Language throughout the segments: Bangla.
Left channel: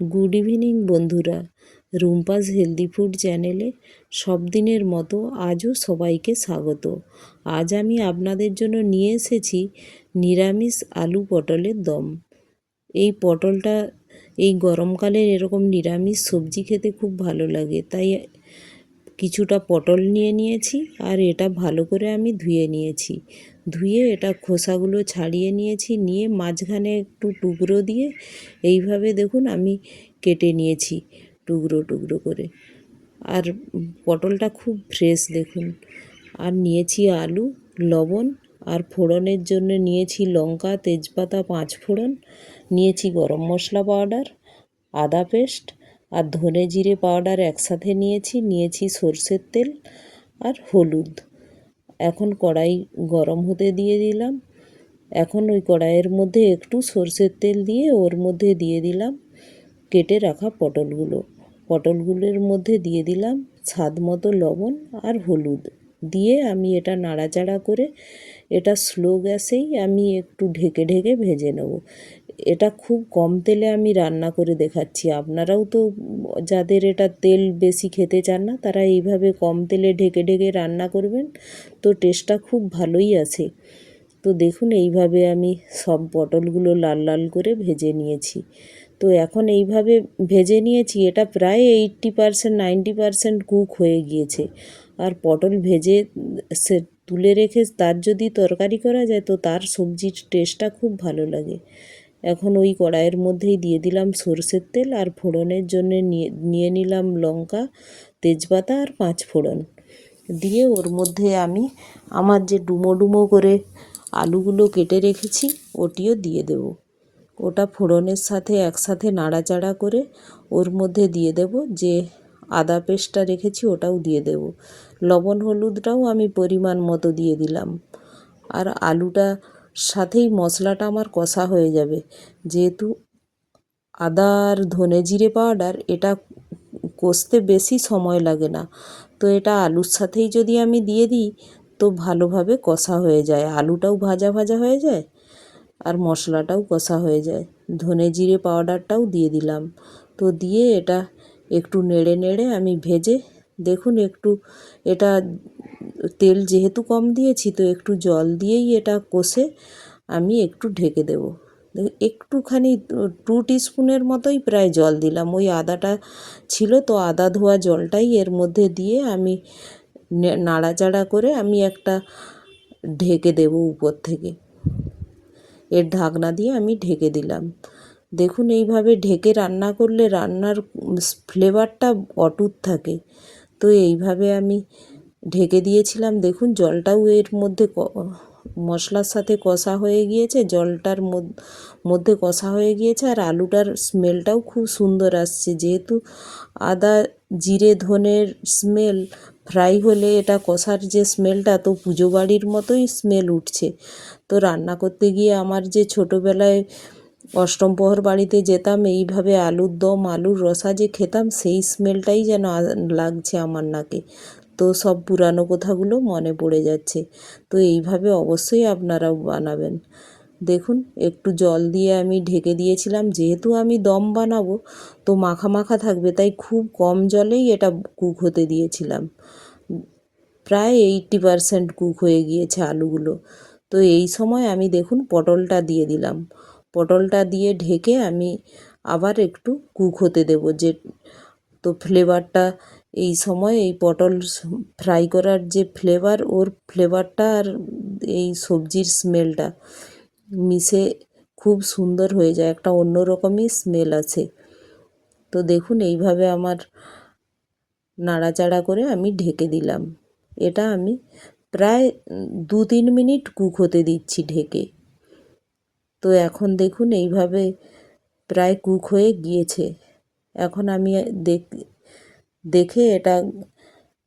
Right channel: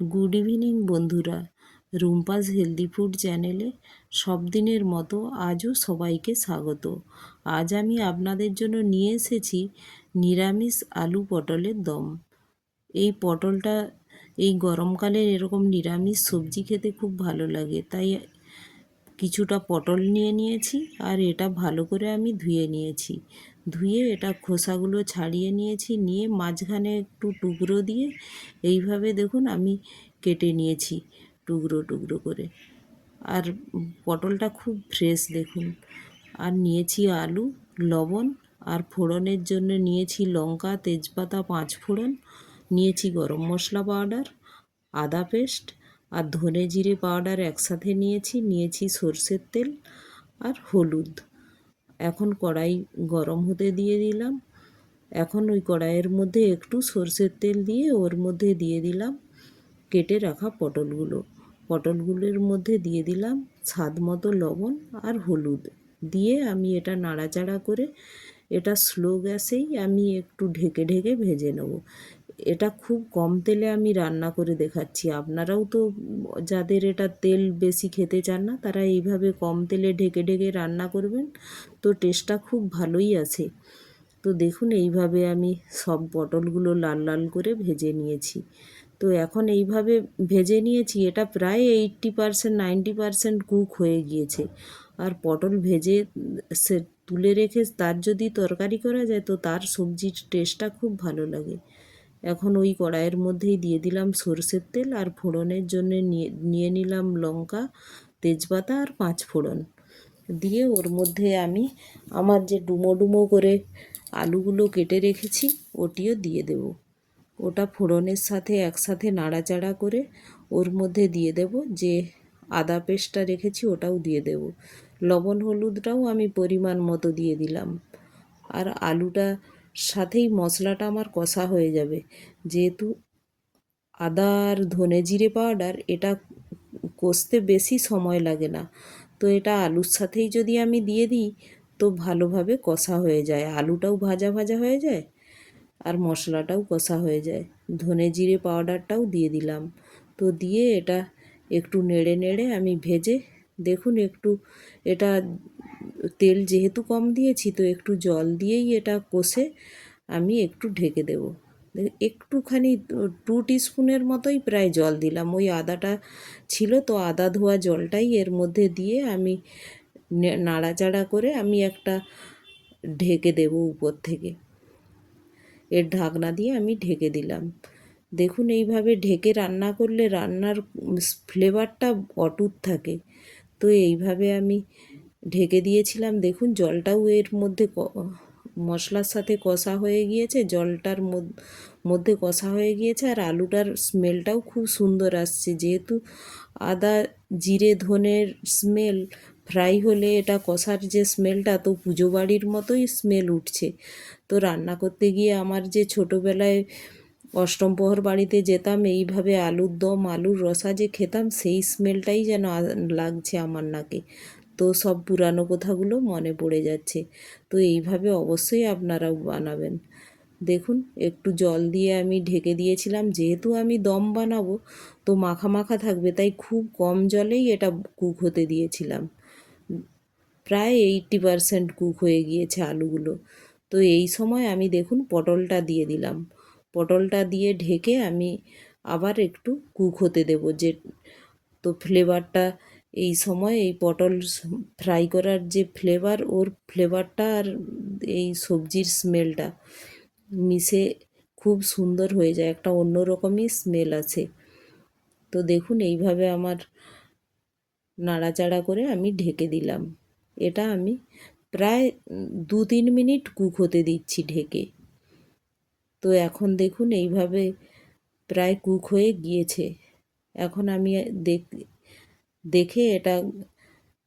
গুড ইভিনিং বন্ধুরা, রুম্পাস হেলদি ফুড চ্যানেলে সব দিনের মতো আজও সবাইকে স্বাগত। আজ আমি আপনাদের জন্য নিয়ে এসেছি নিরামিষ আলু পটলের দম। এই পটলটা এই গরমকালে এরকম নিরামিষ সবজি খেতে খুব ভালো লাগে, তাই কিছুটা পটল নিয়ে নিয়েছি আর এটা ভালো করে আমি ধুয়ে নিয়েছি। ধুয়ে এটা খোসাগুলো ছাড়িয়ে নিয়েছি, নিয়ে মাঝখানে একটু টুকরো দিয়ে এইভাবে দেখুন আমি কেটে নিয়েছি টুকরো টুকরো করে। আর পটলটা খুব ফ্রেশ দেখুন। আর নিয়েছি আলু, লবণ, আর ফোড়নের জন্য নিয়েছি লঙ্কা, তেজপাতা, 5 ফোড়ন, নিয়েছি গরম মশলা পাউডার, আদা পেস্ট আর ধনে জিরে পাউডার একসাথে নিয়েছি সরষের তেল আর হলুদ। এখন কড়াই গরম হতে দিয়ে দিলাম। এখন ওই কড়াইয়ের মধ্যে একটু সরষের তেল দিয়ে ওর মধ্যে দিয়ে দিলাম কেটে রাখা পটলগুলোর মধ্যে দিয়ে দিলাম স্বাদ মতো লবণ আর হলুদ দিয়ে আমি এটা নাড়াচাড়া করে এটা স্লো গ্যাসেই আমি একটু ঢেকে ঢেকে ভেজে নেব। এটা খুব কম তেলে আমি রান্না করে দেখাচ্ছি। আপনারাও তো যাদের এটা তেল বেশি খেতে চান না, তারা এইভাবে কম তেলে ঢেকে ঢেকে রান্না করবেন, তো টেস্টটা খুব ভালোই আসে। তো দেখুন এইভাবে আমি সব পটলগুলো লাল লাল করে ভেজে নিয়েছি। তো এখন এইভাবে ভেজে নিয়েছি, এটা প্রায় 80% 90% কুক হয়ে গিয়েছে। আর পটল ভেজে সে তুলে রেখে তার যদি তরকারি করা যায় তো তার সবজির টেস্টটা খুব ভালো লাগে। এখন ওই কড়াইয়ের মধ্যেই দিয়ে দিলাম সরষের তেল আর ফোড়নের জন্য নিয়ে নিলাম লঙ্কা, তেজপাতা আর 5 ফোড়ন। দিয়ে ওর মধ্যে আমি আমার যে ডুমো ডুমো করে আলুগুলো কেটে রেখেছি ওটিও দিয়ে দেব। ওটা ফোড়নের সাথে একসাথে নাড়াচাড়া করে ওর মধ্যে দিয়ে দেব যে আদা পেস্টটা রেখেছি ওটাও দিয়ে দেব। লবণ হলুদটাও আমি পরিমাণ মতো দিয়ে দিলাম। আর আলুটা সাথেই মশলাটা আমার কষা হয়ে যাবে, যেহেতু আদা আর ধনে জিরে পাউডার এটা কষতে বেশি সময় লাগে না। তো এটা আলুর সাথেই যদি আমি দিয়ে দিই তো ভালোভাবে কষা হয়ে যায়, আলুটাও ভাজা ভাজা হয়ে যায় আর মশলাটাও কষা হয়ে যায়। ধনে জিরে পাউডারটাও দিয়ে দিলাম। তো দিয়ে এটা একটু নেড়ে নেড়ে আমি ভেজে দেখুন একটু এটা তেল যেহেতু কম দিয়েছি তো একটু জল দিয়েই এটা কষে আমি একটু ঢেকে দেব। একটুখানি 2 টিস্পুনের মতোই প্রায় জল দিলাম, ওই আদাটা ছিল তো আদা ধোয়া জলটাই এর মধ্যে দিয়ে আমি নাড়াচাড়া করে আমি একটা ঢেকে দেব উপর থেকে। এর ঢাকনা দিয়ে আমি ঢেকে দিলাম। দেখুন এইভাবে ঢেকে রান্না করলে রান্নার ফ্লেভারটা অটুট থাকে। তো এইভাবে আমি ঢেকে দিয়েছিলাম। দেখুন জলটাও এর মধ্যে মশলার সাথে কষা হয়ে গিয়েছে, জলটার মধ্যে কষা হয়ে গিয়েছে আর আলুটার স্মেলটাও খুব সুন্দর আসছে। যেহেতু আদা জিরে ধনের স্মেল ফ্রাই হলে এটা কষার যে স্মেলটা তো পুজো বাড়ির মতোই স্মেল উঠছে। তো রান্না করতে গিয়ে আমার যে ছোটোবেলায় অষ্টম প্রহর বাড়িতে যেতাম এইভাবে আলুর দম আলুর রসা যে খেতাম সেই স্মেলটাই যেন লাগছে আমার নাকে। তো সব পুরানো কথাগুলো মনে পড়ে যাচ্ছে। তো এইভাবে অবশ্যই আপনারাও বানাবেন। দেখুন একটু জল দিয়ে আমি ঢেকে দিয়েছিলাম, যেহেতু আমি দম বানাবো তো মাখা মাখা থাকবে, তাই খুব কম জলেই এটা কুক হতে দিয়েছিলাম। প্রায় 80% কুক হয়ে গিয়েছে আলুগুলো। তো এই সময় আমি দেখুন পটলটা দিয়ে দিলাম। পটলটা দিয়ে ঢেকে আমি আবার একটু কুক হতে দেব, যে তো ফ্লেভারটা এই সময় এই পটল ফ্রাই করার যে ফ্লেভার ওর ফ্লেভারটা আর এই সবজির স্মেলটা মিশে খুব সুন্দর হয়ে যায়, একটা অন্যরকমই স্মেল আছে। তো দেখুন এইভাবে আমার নাড়াচাড়া করে আমি ঢেকে দিলাম। এটা আমি প্রায় 2-3 মিনিট কুক হতে দিচ্ছি ঢেকে। তো এখন দেখুন এইভাবে প্রায় কুক হয়ে গিয়েছে। এখন আমি দেখে এটা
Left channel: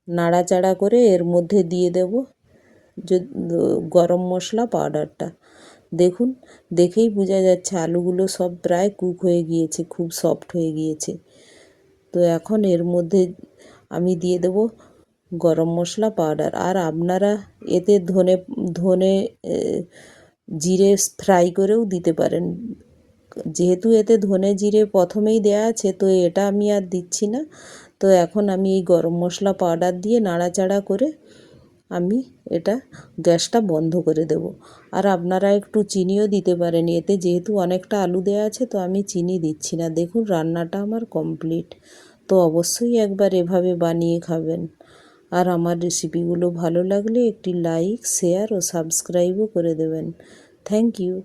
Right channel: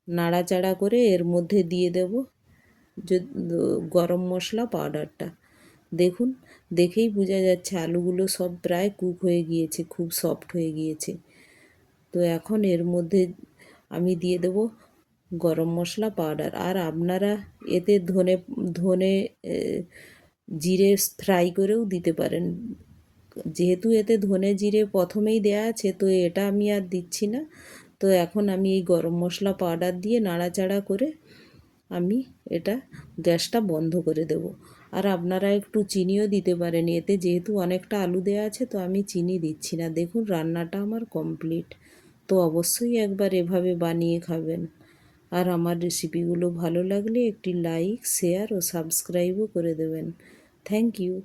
নাড়াচাড়া করে এর মধ্যে দিয়ে দেব যে গরম মশলা পাউডারটা। দেখুন দেখেই বোঝা যাচ্ছে আলুগুলো সব প্রায় কুক হয়ে গিয়েছে, খুব সফট হয়ে গিয়েছে। তো এখন এর মধ্যে আমি দিয়ে দেব গরম মশলা পাউডার। আর আপনারা এতে ধনে জিরে ফ্রাই করেও দিতে পারেন, যেহেতু এতে ধনে জিরে প্রথমেই দেয়া আছে, তো এটা আমি আর দিচ্ছি না। তো এখন আমি এই গরম মশলা পাউডার দিয়ে নাড়াচাড়া করে আমি এটা গ্যাসটা বন্ধ করে দেব। আর আপনারা একটু চিনিও দিতে পারেন, এতে যেহেতু অনেকটা আলু দেওয়া আছে, তো আমি চিনি দিচ্ছি না। দেখুন রান্নাটা আমার কমপ্লিট। তো অবশ্যই একবার এভাবে বানিয়ে খাবেন। আর আমার রেসিপিগুলো ভালো লাগলে একটি লাইক, শেয়ার ও সাবস্ক্রাইবও করে দেবেন। Thank you.